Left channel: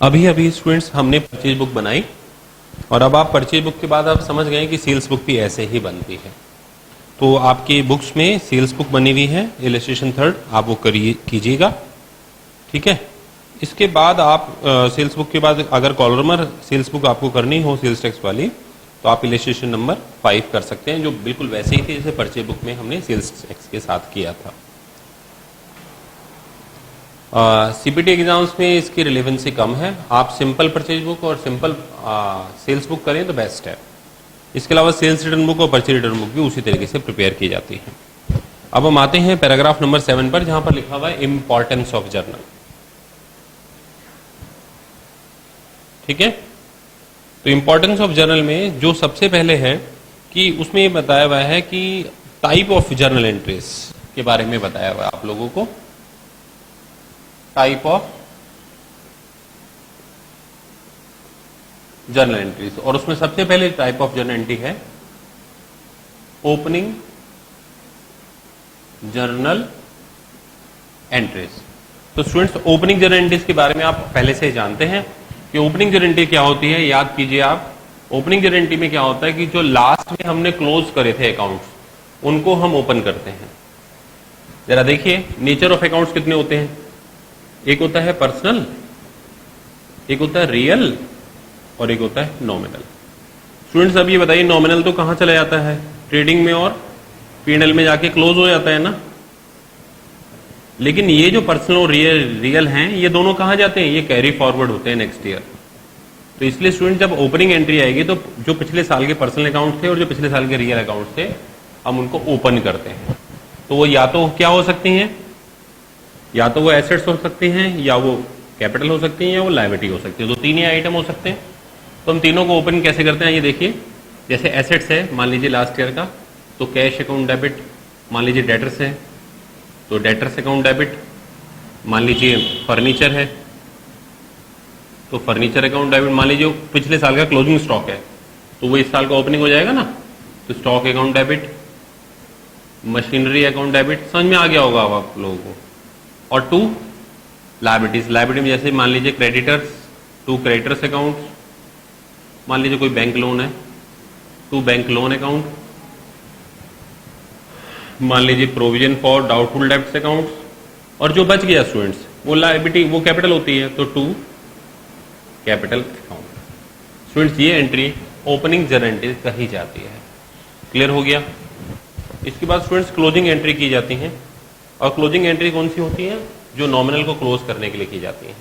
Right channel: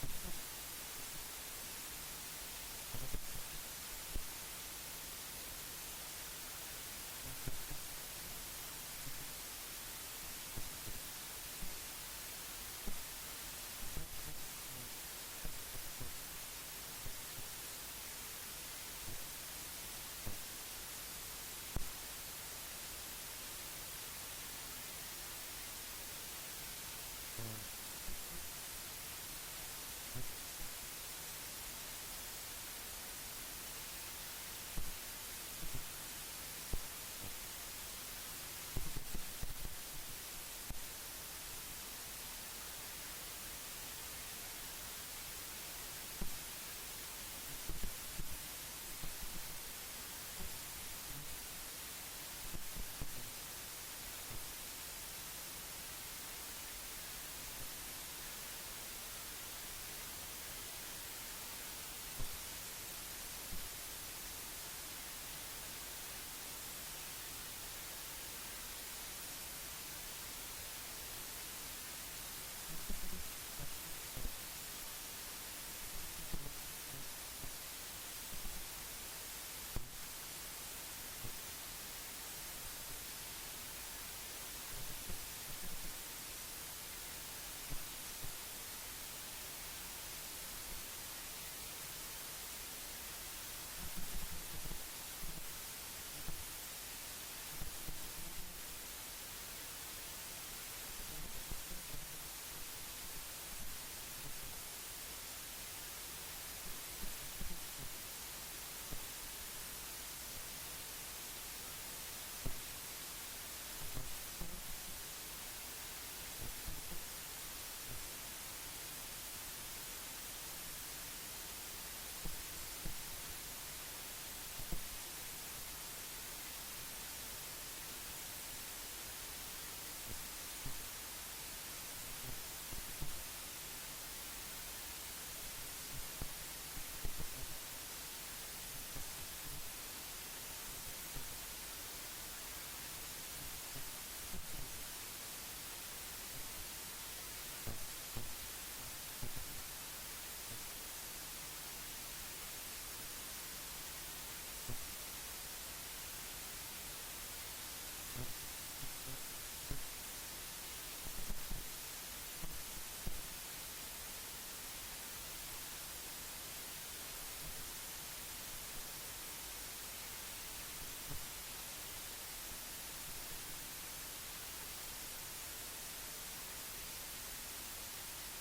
अभी अभी स्टूडेंट्स हमने परचेज बुक बनाई और अब आप परचेज बुक के बाद आप समझ गए कि सेल्स बुक भी ऐसे ही बनती है। तो आपकी बुक्स में सेल्स बुक बनी हुई है, इलस्ट्रेशन थर्ड, आप वो करिए कीजिएगा, ठीक है। इसके बाद आप सेल्स बुक के बाद अगर कॉलमर सेल्स बुक आपको करनी हो सेल्स टैक्स वाली, तो आप इलस्ट्रेशन नंबर 5 कर सकते हैं, जो बिल्कुल वैसे ही थे जैसे परचेज बुक में हमने सेल्स टैक्स के साथ किया था। सीपीटी एग्जाम्स में इसकी रिलेवेंसी कम है। आप सिंपल परचेज बुक और सिंपल सेल्स बुक करें तो बेस्ट है। इसके अलावा सेल्स रिटर्न बुक और परचेज रिटर्न बुक भी उसी तरीके से प्रिपेयर की जाती है। अब हम आते हैं पैराग्राफ नंबर 7 पर, जहां पर लिखा हुआ है इंपॉर्टेंस ऑफ जर्नल, ठीक है। तो इंपॉर्टेंस ऑफ जर्नल में जो सबसे पहले है कि उसमें ये बताया हुआ है कि टाइप ऑफ जर्नल एंट्रीज के बारे में बताया हुआ है आप लोगों को। टाइप ऑफ जर्नल एंट्रीज, और उसमें सबसे पहले टाइप ऑफ जर्नल एंट्री है ओपनिंग जर्नल एंट्रीज। तो स्टूडेंट्स ओपनिंग जर्नल एंट्रीज के बारे में आप पहले से जानते हैं कि ओपनिंग जर्नल एंट्री क्या होती है। याद कीजिए आप, ओपनिंग जर्नल एंट्री में क्या होता है कि जो लास्ट में हमने क्लोज करे थे अकाउंट्स उनको हम ओपन करते हैं। जरा देखिए नेचर ऑफ अकाउंट्स कितने होते हैं। एक होता है पर्सनल, एक होता है रियल और एक होता है नॉमिनल। स्टूडेंट्स अब ये बताइए नॉमिनल तो कहां चला जाता है, ट्रेडिंग में और पीएनएल में जाके क्लोज हो जाता है ना। लेकिन ये जो पर्सनल और रियल हैं ये दोनों कहां जाते हैं, ये कैरी फॉरवर्ड होते हैं नेक्स्ट ईयर। तो इसलिए स्टूडेंट जब ओपनिंग एंट्री आएगी तो जो पिछले साल के पर्सनल अकाउंट थे और जो पिछले साल के रियल अकाउंट थे हम उनको ओपन करते हैं। तो वो या तो क्या हो सकती हैं, या तो वो एसेट्स हो सकती हैं, या वो कैपिटल हो सकती हैं, या वो लायबिलिटी हो सकती है। तो तीन ही आइटम हो सकते हैं। तो हम तीनों को ओपन कैसे करते हैं ये देखिए। जैसे एसेट्स है मान लीजिए लास्ट ईयर का, तो कैश अकाउंट डेबिट। मान लीजिए डेटर्स है तो डेटर्स अकाउंट डेबिट। मान लीजिए फर्नीचर है तो फर्नीचर अकाउंट डेबिट। मान लीजिए पिछले साल का क्लोजिंग स्टॉक है तो वो इस साल का ओपनिंग हो जाएगा ना, तो stock account debit. Machinery account debit, समझ में आ गया होगा अब आप लोगों को। और टू लायबिलिटीज, लायबिलिटी में जैसे मान लीजिए क्रेडिटर्स, टू क्रेडिटर्स अकाउंट। मान लीजिए कोई बैंक लोन है, टू बैंक लोन अकाउंट। मान लीजिए provision for doubtful debts account. और जो बच गया स्टूडेंट्स वो लायबिलिटी, वो कैपिटल होती है, तो टू कैपिटल अकाउंट। स्टूडेंट्स ये एंट्री ओपनिंग जर्नल एंट्री कही जाती है। क्लियर हो गया। इसके बाद स्टूडेंट्स क्लोजिंग एंट्री की जाती हैं। और क्लोजिंग एंट्री कौन सी होती है, जो नॉमिनल को क्लोज करने के लिए की जाती है।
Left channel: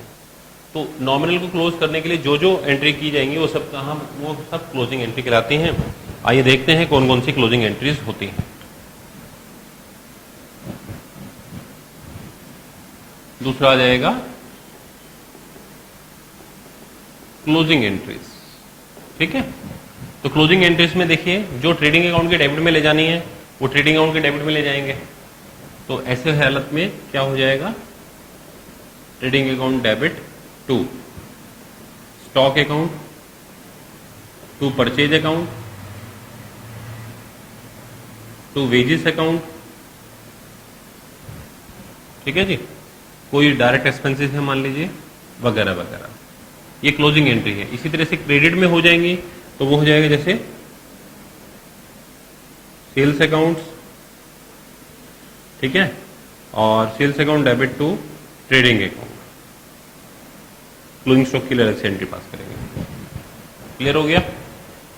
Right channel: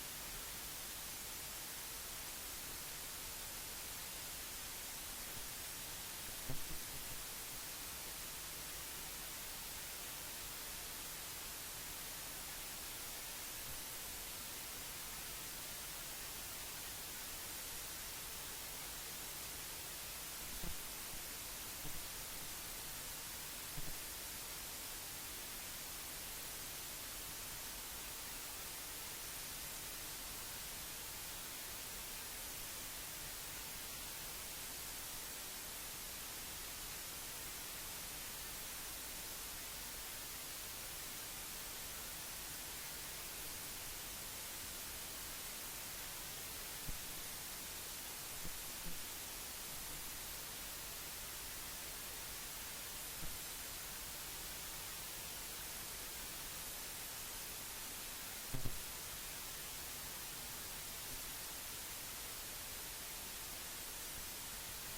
तो नॉमिनल को क्लोज करने के लिए जो जो एंट्री की जाएंगी वो सब कहाँ, वो सब क्लोजिंग एंट्री कहलाती हैं। आइए देखते हैं कौन कौन सी क्लोजिंग एंट्रीज होती हैं। दूसरा आ जाएगा क्लोजिंग एंट्रीज, ठीक है। तो क्लोजिंग एंट्रीज में देखिए जो ट्रेडिंग अकाउंट के डेबिट में ले जानी है वो ट्रेडिंग अकाउंट के डेबिट में ले जाएंगे। तो ऐसे हालत में क्या हो जाएगा, trading account debit to stock account, to purchase account, to wages account, ठीक है जी। कोई डायरेक्ट एक्सपेंसेस है मान लीजिए, वगैरह वगैरह, ये क्लोजिंग एंट्री है। इसी तरह से क्रेडिट में हो जाएंगी तो वो हो जाएगा जैसे सेल्स अकाउंट्स, ठीक है, और sales account debit to trading account. Closing stock के लिए अलग से एंट्री पास करेंगे। क्लियर हो गया।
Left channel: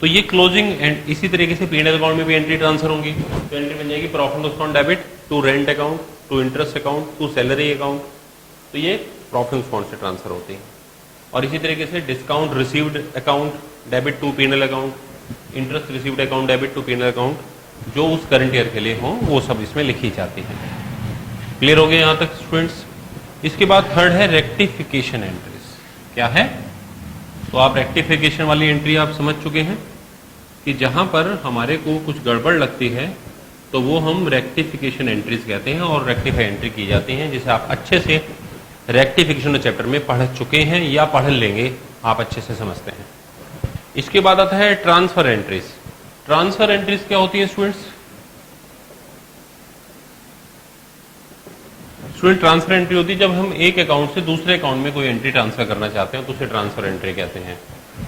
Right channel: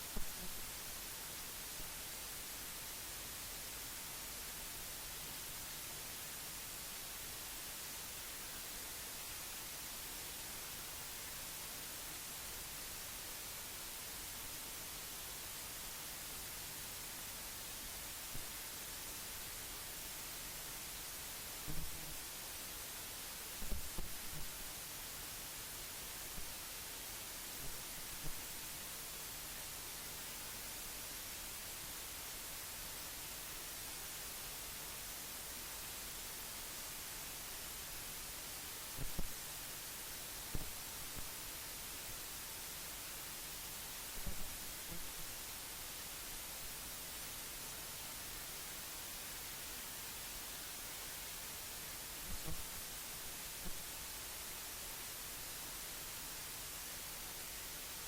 तो ये क्लोजिंग एंड इसी तरीके से पीएनएल अकाउंट में भी एंट्री ट्रांसफर होंगी। तो एंट्री बन जाएगी profit loss account debit to rent account, to interest account, to salary account. तो ये प्रॉफिट अकाउंट से ट्रांसफर होती है। और इसी तरीके से discount received account debit to PNL account, interest received account debit to PNL account, जो उस करंट ईयर के लिए हो वो सब इसमें लिखी जाती है। क्लियर हो गया यहाँ तक स्टूडेंट्स। इसके बाद थर्ड है रेक्टिफिकेशन एंट्रीज। क्या है, तो आप रेक्टिफिकेशन वाली एंट्री आप समझ चुके हैं कि जहां पर हमारे को कुछ गड़बड़ लगती है तो वो हम रेक्टिफिकेशन एंट्रीज कहते हैं और रेक्टिफाई एंट्री की जाती हैं, जिसे आप अच्छे से रेक्टिफिकेशन चैप्टर में पढ़ चुके हैं या पढ़ लेंगे, आप अच्छे से समझते हैं। इसके बाद आता है ट्रांसफर एंट्रीज। ट्रांसफर एंट्रीज क्या होती है स्टूडेंट्स, स्टूडेंट ट्रांसफर एंट्री होती है जब हम एक अकाउंट से दूसरे अकाउंट में कोई एंट्री ट्रांसफर करना चाहते हैं तो उसे ट्रांसफर एंट्री कहते हैं।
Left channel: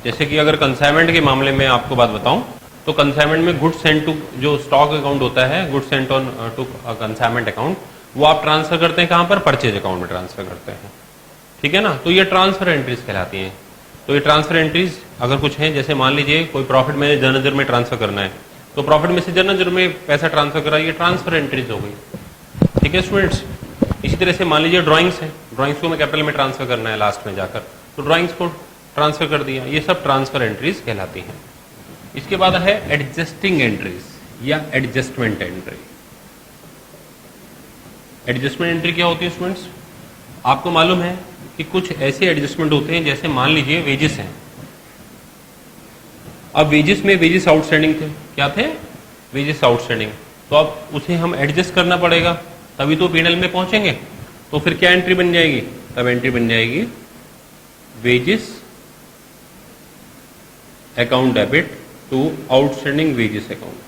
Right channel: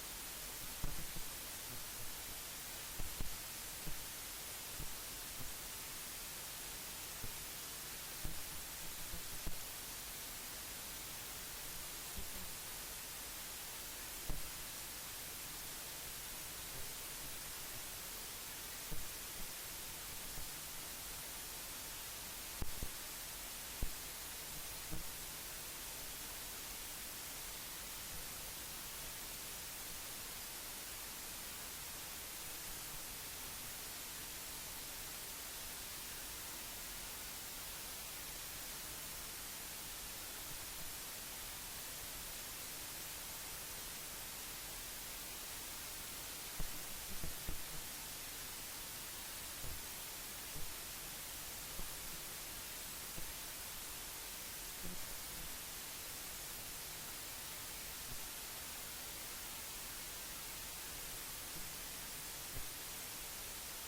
जैसे कि अगर कंसाइनमेंट के मामले में आपको बात बताऊं तो कंसाइनमेंट में गुड्स सेंट टू जो स्टॉक अकाउंट होता है, goods sent on to consignment account, वो आप ट्रांसफर करते हैं कहां पर? परचेज अकाउंट में ट्रांसफर करते हैं। ठीक है ना, तो ये ट्रांसफर एंट्रीज कहलाती हैं। तो ये ट्रांसफर एंट्रीज अगर कुछ हैं, जैसे मान लीजिए कोई प्रॉफिट में जर्नल में ट्रांसफर करना है तो प्रॉफिट में से जर्नल में पैसा ट्रांसफर करा, ये ट्रांसफर एंट्रीज हो गई। ठीक है स्टूडेंट्स, इसी तरह से मान लीजिए ड्राइंग्स है, ड्राइंग्स को मैं कैपिटल में ट्रांसफर करना है लास्ट में जाकर, तो ड्राइंग्स को ट्रांसफर कर दिया, ये सब ट्रांसफर एंट्रीज कहलाती हैं। इसके बाद है एडजस्टिंग एंट्रीज या एडजस्टमेंट एंट्री। एडजस्टमेंट एंट्री क्या होती है स्टूडेंट्स? आपको मालूम है कि कुछ ऐसे एडजस्टमेंट होते हैं, जैसे मान लीजिए वेजेस हैं। अब वेजेस में वेजेस आउटस्टैंडिंग थे, क्या थे? वेजेस आउटस्टैंडिंग, तो अब उसे हम एडजस्ट करना पड़ेगा तभी तो P&L में पहुंचेंगे। तो फिर क्या एंट्री बन जाएगी? तब एंट्री बन जाएगी wages account debit to outstanding wages account.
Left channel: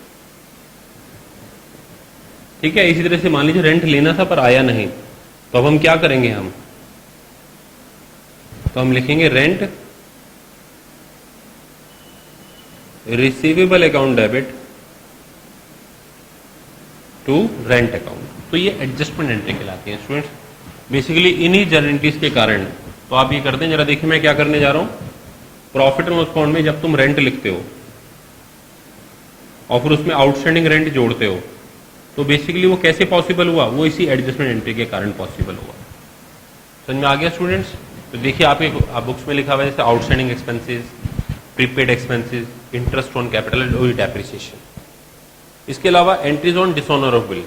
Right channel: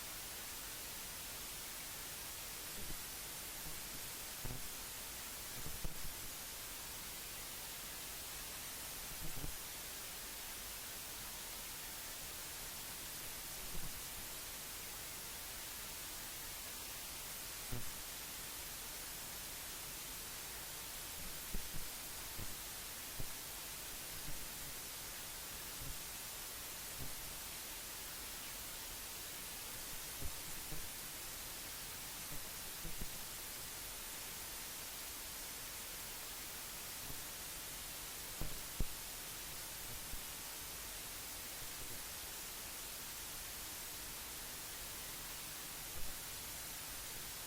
ठीक है, इसी तरह से मान लीजिए रेंट लेना था पर आया नहीं, तो अब हम क्या करेंगे? तो हम लिखेंगे rent receivable account debit to rent account. तो ये एडजस्टमेंट एंट्री कहलाती है स्टूडेंट्स। बेसिकली इन्हीं जर्नलिटीज के कारण तो आप ये करते हैं, जरा देखिए मैं क्या करने जा रहा हूं। प्रॉफिट एंड लॉस अकाउंट में जब तुम रेंट लिखते हो और फिर उसमें आउटस्टैंडिंग रेंट जोड़ते हो, तो बेसिकली वो कैसे पॉसिबल हुआ? वो इसी एडजस्टमेंट एंट्री के कारण पॉसिबल हुआ। समझ में आ गया स्टूडेंट्स? तो देखिए आपके बुक्स में लिखा हुआ है जैसे outstanding expenses, prepaid expenses, interest on capital और डेप्रिसिएशन। इसके अलावा entries on dishonour of bill.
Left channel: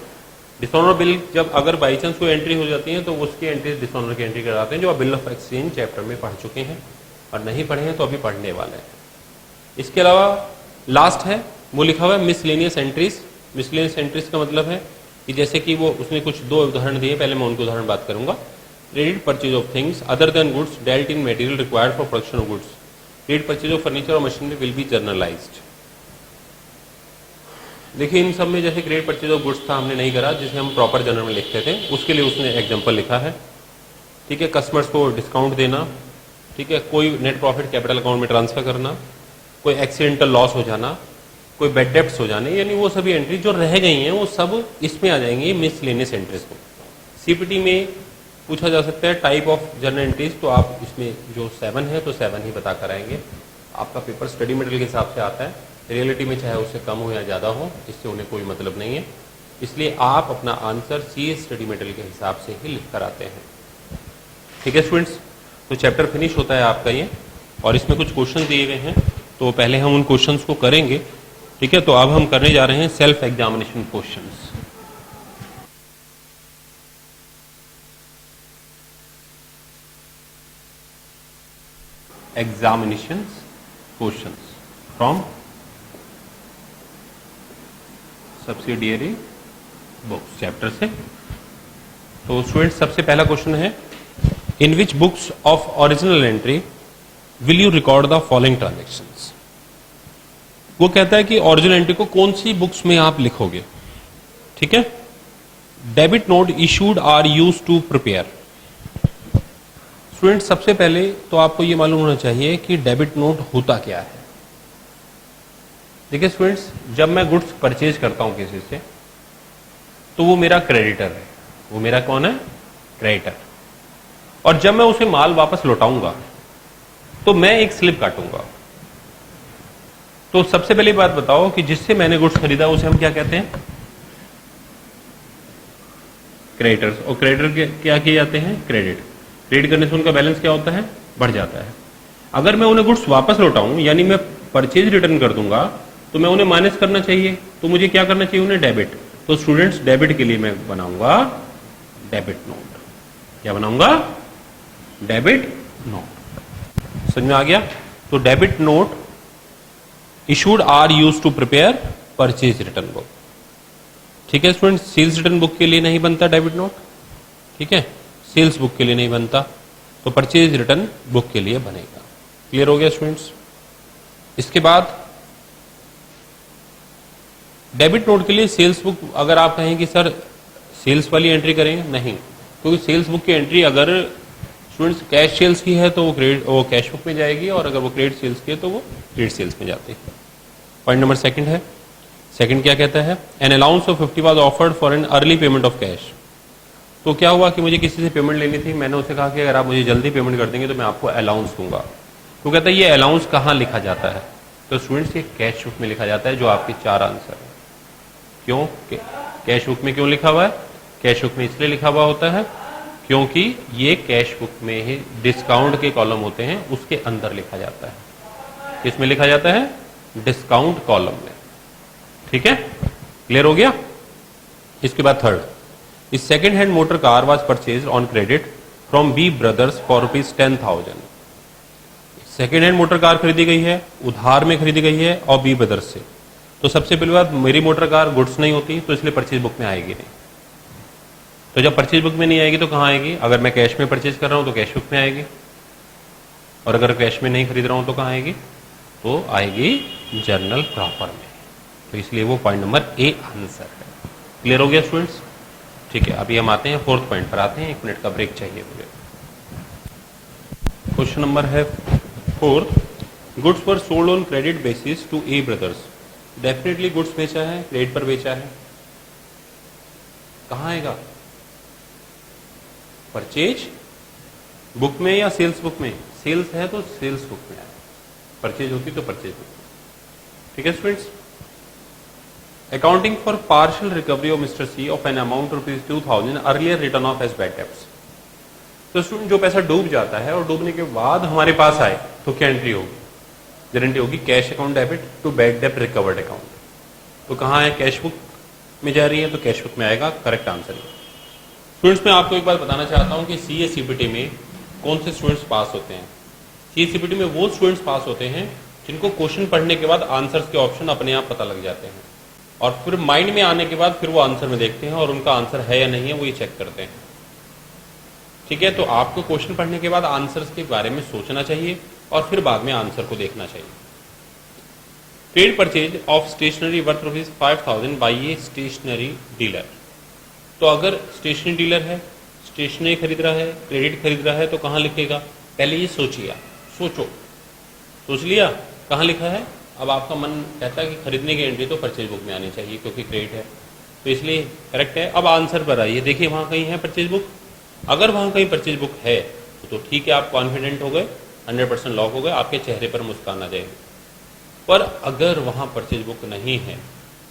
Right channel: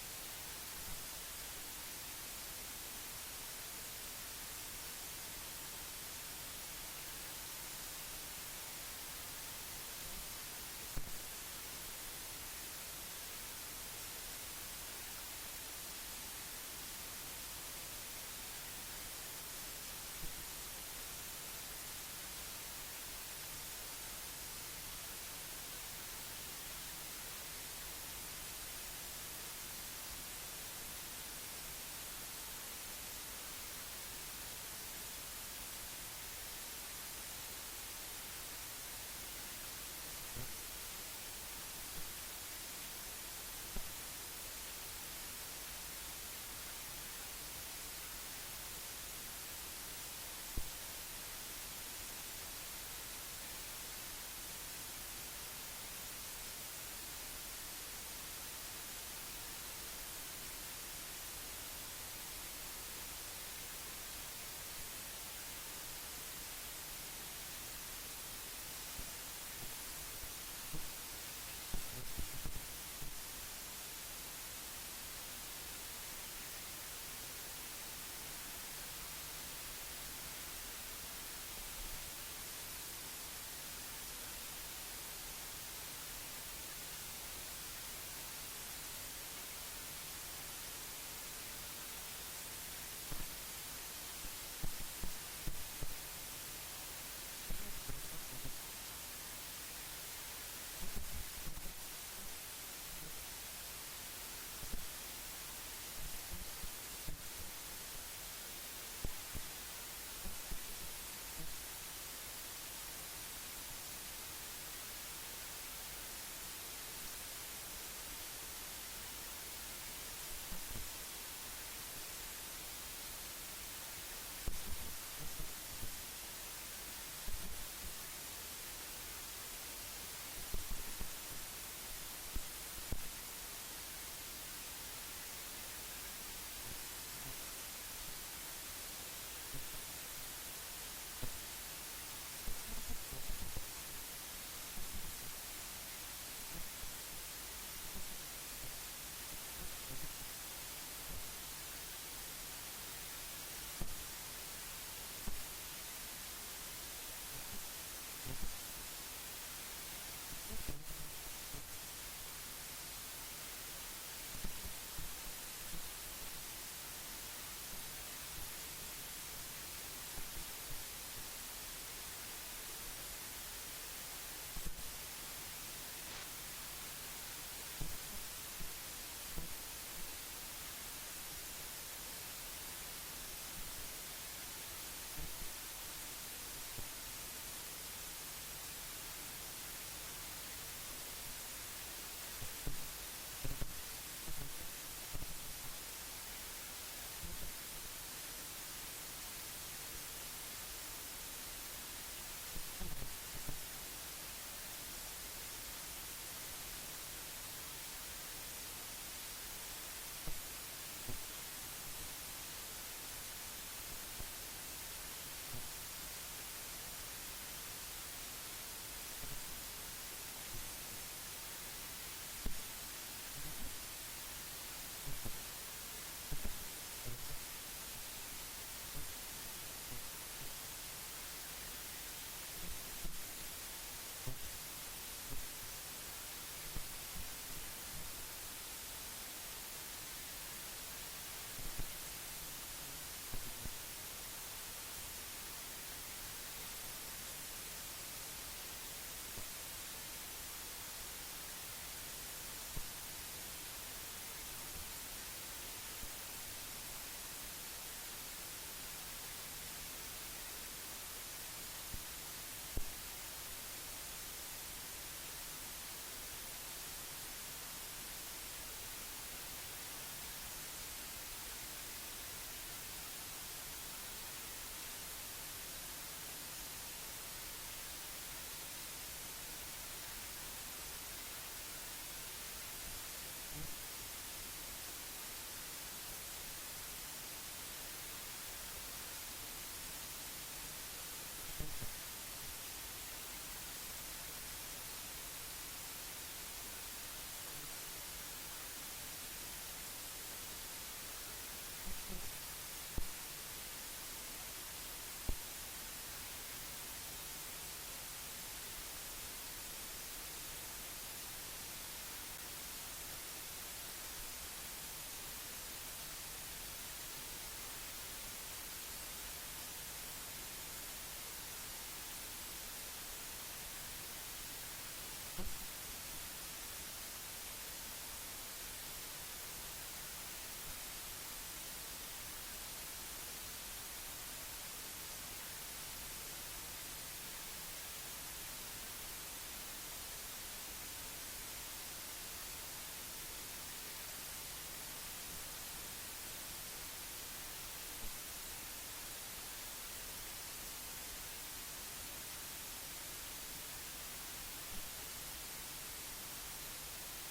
Dishonour bill जब अगर बाई चांस कोई एंट्री हो जाती है तो उसकी एंट्री डिसऑनर की एंट्री कराते हैं, जो आप बिल ऑफ एक्सचेंज चैप्टर में पढ़ चुके हैं, और नहीं पढ़े हैं तो अभी पढ़ने वाले हैं। इसके अलावा लास्ट है वो लिखा हुआ है मिसलेनियस एंट्रीज। मिसलेनियस एंट्रीज का मतलब है कि जैसे कि वो उसने कुछ दो उदाहरण दिए, पहले मैं उनके उदाहरण बात करूंगा। Credit purchase of things other than goods dealt in material required for production of goods. Credit purchase of furniture और मशीनरी विल बी जर्नलाइज्ड। देखिए इन सब में जैसे क्रेडिट परचेज ऑफ गुड्स था, हमने नहीं करा, जिसे हम प्रॉपर जर्नल में लिखते थे, उसके लिए उसने एग्जांपल लिखा है। ठीक है, कस्टमर्स को डिस्काउंट देना, ठीक है, कोई नेट प्रॉफिट कैपिटल अकाउंट में ट्रांसफर करना, कोई एक्सीडेंटल लॉस हो जाना, कोई बैड डेब्ट्स हो जाने, यानी वो सभी एंट्री जो रह गई हैं वो सब इसमें आ जाएंगी मिसलेनियस एंट्रीज में। सीपीटी में पूछा जा सकता है टाइप ऑफ जर्नल एंट्रीज, तो आप इसमें जो 7 है तो 7 ही बता कर आएंगे। आपका पेपर स्टडी मटेरियल के हिसाब से आता है, रियलिटी में चाहे उससे कम हो या ज़्यादा हो, इससे उन्हें कोई मतलब नहीं है। इसलिए आप अपना आंसर CS स्टडी मटेरियल के हिसाब से ही लिख कर आते हैं। ठीक है स्टूडेंट्स, तो चैप्टर फिनिश होता है आपका ये, और इसमें कुछ क्वेश्चन दिए गए हैं, तो पहले हम उन क्वेश्चंस को करेंगे। ठीक है, तो अब हम करने जा रहे हैं self examination questions. Examination questions from subsidiary books chapter से। तो स्टूडेंट्स सबसे पहला क्वेश्चन है, in which books of original entry will you record the following transactions. वो कहता है कि ओरिजिनल एंट्री को कौन सी बुक्स में आप लिखोगे। ठीक है, debit note issued are use to prepare. Student सबसे पहले तो आपको ये मालूम होना चाहिए कि डेबिट नोट होता क्या है। देखिए स्टूडेंट्स, जब मैं गुड्स परचेज करता हूं किसी से तो वो मेरा क्रेडिटर है। वो मेरा कौन है? क्रेडिटर। और जब मैं उसे माल वापस लौटाऊंगा तो मैं एक स्लिप काटूंगा। तो सबसे पहली बात बताओ कि जिससे मैंने गुड्स खरीदा उसे हम क्या कहते हैं? क्रेडिटर्स। और क्रेडिटर क्या किए जाते हैं? क्रेडिट। क्रेडिट करने से उनका बैलेंस क्या होता है? बढ़ जाता है। अगर मैं उन्हें गुड्स वापस लौटाऊं, यानी मैं परचेज रिटर्न कर दूंगा, तो मैं उन्हें माइनस करना चाहिए, तो मुझे क्या करना चाहिए? उन्हें डेबिट। तो स्टूडेंट्स डेबिट के लिए मैं बनाऊंगा डेबिट नोट। क्या बनाऊंगा? Debit note. समझ में आ गया? तो debit note issued are use to prepare purchase return book. ठीक है स्टूडेंट्स, सेल्स रिटर्न बुक के लिए नहीं बनता डेबिट नोट। ठीक है, सेल्स बुक के लिए नहीं बनता, तो परचेज रिटर्न बुक के लिए बनेगा। क्लियर हो गया स्टूडेंट्स? इसके बाद डेबिट नोट के लिए सेल्स बुक, अगर आप कहें कि सर सेल्स वाली एंट्री करेंगे, नहीं, क्योंकि सेल्स बुक की एंट्री अगर स्टूडेंट्स कैश सेल्स की है तो वो कैश बुक में जाएगी, और अगर वो क्रेडिट सेल्स की है तो वो क्रेडिट सेल्स में जाती है। पॉइंट नंबर सेकंड है, सेकंड क्या कहता है, an allowance of 50 was offered for an early payment of cash. तो क्या हुआ कि मुझे किसी से पेमेंट लेनी थी, मैंने उससे कहा कि अगर आप मुझे जल्दी पेमेंट कर देंगे तो मैं आपको अलाउंस दूंगा। तो कहता है ये अलाउंस कहाँ लिखा जाता है, तो स्टूडेंट्स ये कैश बुक में लिखा जाता है, जो आपके 4 आंसर है। क्यों कैश बुक में क्यों लिखा हुआ है, कैश बुक में इसलिए लिखा हुआ होता है क्योंकि ये कैश बुक में ही डिस्काउंट के कॉलम होते हैं, उसके अंदर लिखा जाता है। किसमें लिखा जाता है, डिस्काउंट कॉलम में। ठीक है, क्लियर हो गया। इसके बाद थर्ड, इस second hand motor car was purchase on credit from B brothers for ₹10,000। Second hand motor car खरीदी गई है, उधार में खरीदी गई है और बी ब्रदर्स से। तो सबसे पहली बात, मेरी मोटर कार गुड्स नहीं होती, तो इसलिए परचेज बुक में आएगी नहीं। तो जब परचेज बुक में नहीं आएगी तो कहाँ आएगी, अगर मैं कैश में परचेज कर रहा हूं तो कैश बुक में आएगी, और अगर कैश में नहीं खरीद रहा हूं तो कहाँ आएगी, तो आएगी जर्नल प्रॉपर में। तो इसलिए वो पॉइंट नंबर ए आंसर है। क्लियर हो गया स्टूडेंट्स। ठीक है, अभी हम आते हैं फोर्थ पॉइंट पर आते हैं, 1 मिनट का ब्रेक चाहिए मुझे। क्वेश्चन नंबर है fourth, goods were sold on credit basis to A brothers. Definitely goods बेचा है, क्रेडिट पर बेचा है, कहाँ आएगा, परचेज बुक में या सेल्स बुक में। सेल्स है तो सेल्स बुक में आएगा, परचेज होती तो परचेज बुक में। ठीक है students. Accounting for partial recovery of mister C of an amount ₹2,000 earlier return off as bad debts. तो स्टूडेंट जो पैसा डूब जाता है और डूबने के बाद हमारे पास आए तो क्या एंट्री होगी, गारंटी होगी cash account debit to bad डेब्ट रिकवर्ड अकाउंट। तो कहाँ है, कैश बुक में जा रही है तो कैश बुक में आएगा, करेक्ट आंसर है। स्टूडेंट्स मैं आपको एक बात बताना चाहता हूँ कि सीए सीपीटी में कौन से स्टूडेंट्स पास होते हैं। सीए सीपीटी में वो स्टूडेंट्स पास होते हैं जिनको क्वेश्चन पढ़ने के बाद आंसर्स के ऑप्शन अपने आप पता लग जाते हैं, और फिर माइंड में आने के बाद फिर वो आंसर में देखते हैं और उनका आंसर है या नहीं है वो ये चेक करते हैं। ठीक है, तो आपको क्वेश्चन पढ़ने के बाद आंसर्स के बारे में सोचना चाहिए और फिर बाद में आंसर को देखना चाहिए। Trade purchase of stationery worth ₹5,000 by a stationery dealer. तो अगर स्टेशनरी डीलर है, स्टेशनरी खरीद रहा है, क्रेडिट खरीद रहा है, तो कहाँ लिखेगा, पहले ये सोच लिया कहाँ लिखा है। अब आपका मन कहता है कि खरीदने की एंट्री तो परचेज बुक में आनी चाहिए क्योंकि क्रेडिट है, तो इसलिए करेक्ट है। अब आंसर पर आइए, देखिए वहाँ कहीं है परचेज बुक। अगर वहाँ कहीं परचेज बुक है तो ठीक है, आप कॉन्फिडेंट हो गए, 100% लॉक हो गए, आपके चेहरे पर मुस्कान आ जाएगी। पर अगर वहाँ परचेज बुक नहीं है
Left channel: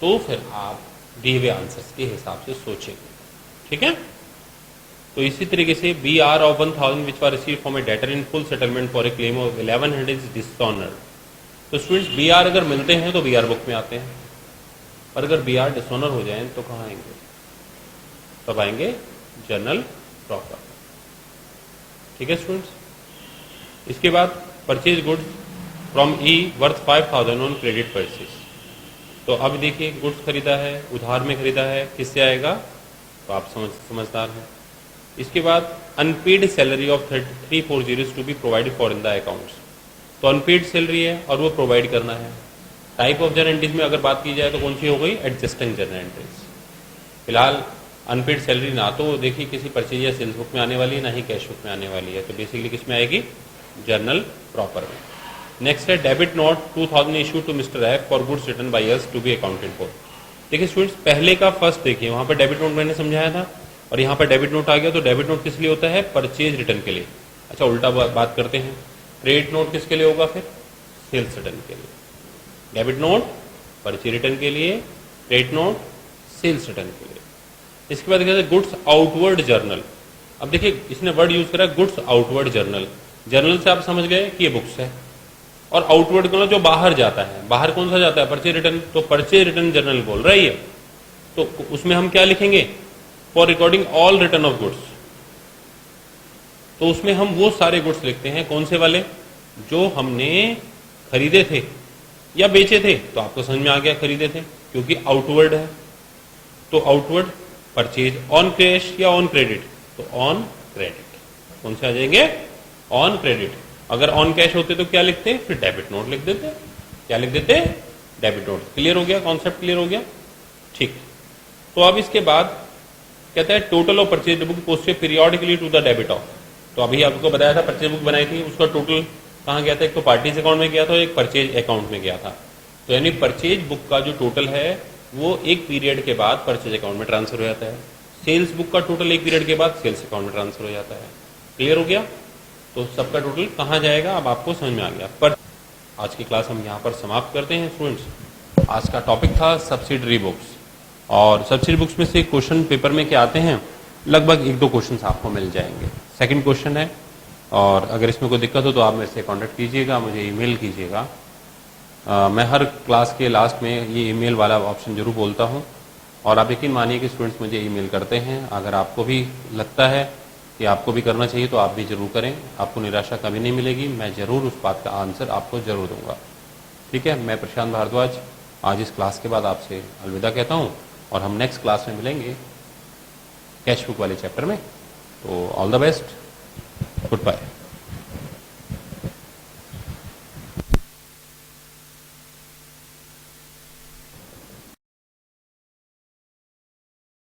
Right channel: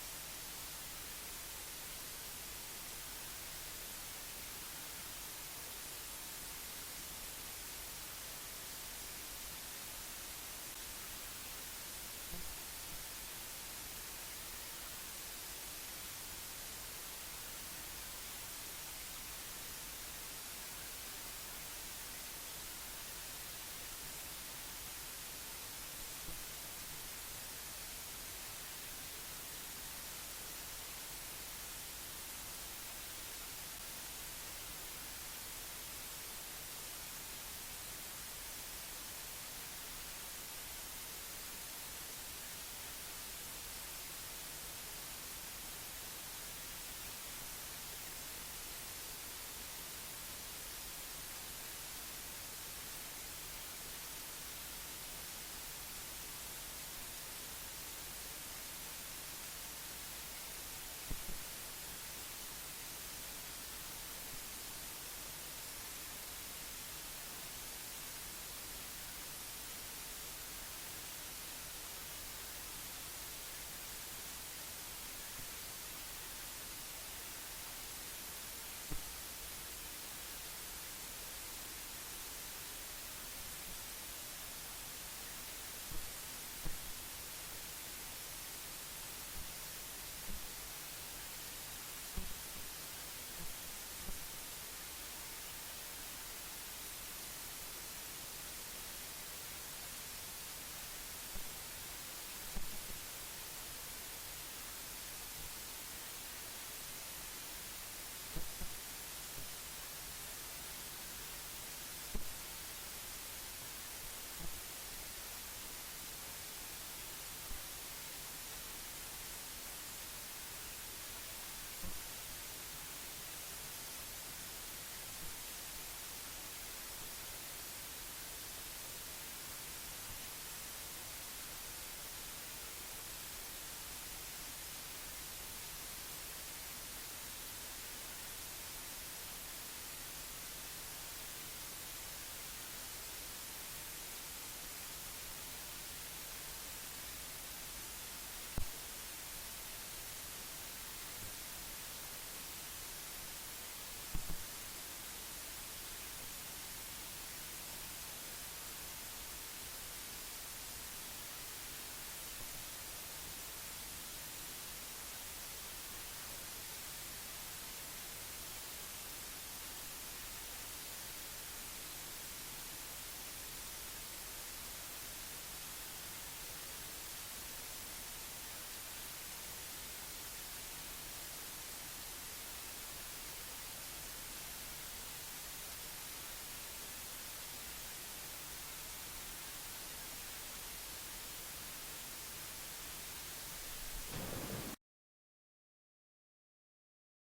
तो फिर आप दिए हुए आंसर्स के हिसाब से सोचेंगे। ठीक है, तो इसी तरीके से B R of 1,000 which were received from a debtor in full settlement for a claim of 1100 is dishonoured. तो स्टूडेंट्स बी आर अगर मिलते हैं तो बी आर बुक में आते हैं, और अगर बी आर डिसऑनर हो जाए तो कहाँ आएंगे, तब आएंगे जर्नल प्रॉपर। ठीक है स्टूडेंट्स। इसके बाद purchase goods from E worth 5,000 on credit purchase. तो अब देखिए गुड्स खरीदा है, उधार में खरीदा है, किससे आएगा, तो आप समझदार हैं। इसके बाद unpaid salary of 340 to be provide for in the accounts. तो अनपेड सैलरी है और वो प्रोवाइड करना है। टाइप ऑफ जर्नल एंट्रीज में अगर बात की जाए तो कौन सी हो गई, एडजस्टिंग जर्नल एंट्रीज। फिलहाल अनपेड सैलरी ना तो देखिए किसी परचेज या सेल्स बुक में आने वाली है, ना ही कैश बुक में आने वाली है, तो बेसिकली किस में आएगी, जर्नल प्रॉपर में। नेक्स्ट है debit note 2000 issue to mister F for goods return by us to be accounted for. देखिए स्टूडेंट्स पहले का फर्स्ट देखिए, वहाँ पर डेबिट नोट मैंने समझाया था और यहाँ पर डेबिट नोट आ गया। तो डेबिट नोट किस लिए होता है, परचेज रिटर्न के लिए। अच्छा उल्टा बात करते हैं, क्रेडिट नोट किसके लिए होगा, फिर सेल्स रिटर्न के लिए। डेबिट नोट परचेज रिटर्न के लिए, क्रेडिट नोट सेल्स रिटर्न के लिए। इसके बाद कहते हैं गुड्स आउटवर्ड जर्नल। अब देखिए इसने वर्ड यूज करा गुड्स आउटवर्ड जर्नल। जर्नल से आप समझ गए कि ये बुक्स है, और आउटवर्ड मतलब जो बाहर जाता है, बाहर कौन सा जाता है, परचेज रिटर्न। तो परचेज रिटर्न जर्नल बोल रही है, तो उसमें हम क्या लिखेंगे, for recording all return of goods. तो उसमें हम वो सारे गुड्स लिखते हैं, कौन से वाले, जो हमने खरीदे थे या बेचे थे। तो आपको समझ में आ गया खरीदे थे, क्योंकि आउटवर्ड है। तो आउटवर्ड परचेज ऑन कैश या ऑन क्रेडिट, तो ऑन क्रेडिट। कौन से आ जाएंगे, ऑन क्रेडिट। अगर ऑन कैश होते तो क्या लिखते, फिर डेबिट नोट लिख देते। क्या लिख देते, डेबिट नोट। क्लियर हो गया, कॉन्सेप्ट क्लियर हो गया, ठीक। तो अब इसके बाद कहता है total of purchase book posted periodically to the debit of. तो अभी आपको बताया था परचेज बुक बनाई थी, उसका टोटल कहाँ गया था, एक तो पार्टीज अकाउंट में गया था, एक परचेज अकाउंट में गया था। तो यानी परचेज बुक का जो टोटल है वो एक पीरियड के बाद परचेज अकाउंट में ट्रांसफर हो जाता है। सेल्स बुक का टोटल एक पीरियड के बाद सेल्स अकाउंट में ट्रांसफर हो जाता है। क्लियर हो गया? तो सबका टोटल कहाँ जाएगा अब आपको समझ में आ गया। पर आज की क्लास हम यहाँ पर समाप्त करते हैं स्टूडेंट्स। आज का टॉपिक था सब्सिडरी बुक्स, और सब्सिडरी बुक्स में से क्वेश्चन पेपर में क्या आते हैं, लगभग 1-2 क्वेश्चन आपको मिल जाएंगे। सेकंड क्वेश्चन है, और अगर इसमें कोई दिक्कत हो तो आप मेरे से कांटेक्ट कीजिएगा, मुझे ईमेल कीजिएगा। मैं हर क्लास के लास्ट में ये ईमेल वाला ऑप्शन जरूर बोलता हूँ, और आप यकीन मानिए कि स्टूडेंट्स मुझे ईमेल करते हैं। अगर आपको भी लगता है कि आपको भी करना चाहिए तो आप भी ज़रूर करें, आपको निराशा कभी नहीं मिलेगी, मैं ज़रूर उस बात का आंसर आपको ज़रूर दूंगा। ठीक है, मैं प्रशांत भारद्वाज आज इस क्लास के बाद आपसे अलविदा कहता हूँ, और हम नेक्स्ट क्लास में मिलेंगे कैश बुक वाले चैप्टर में। तो all the best, good bye.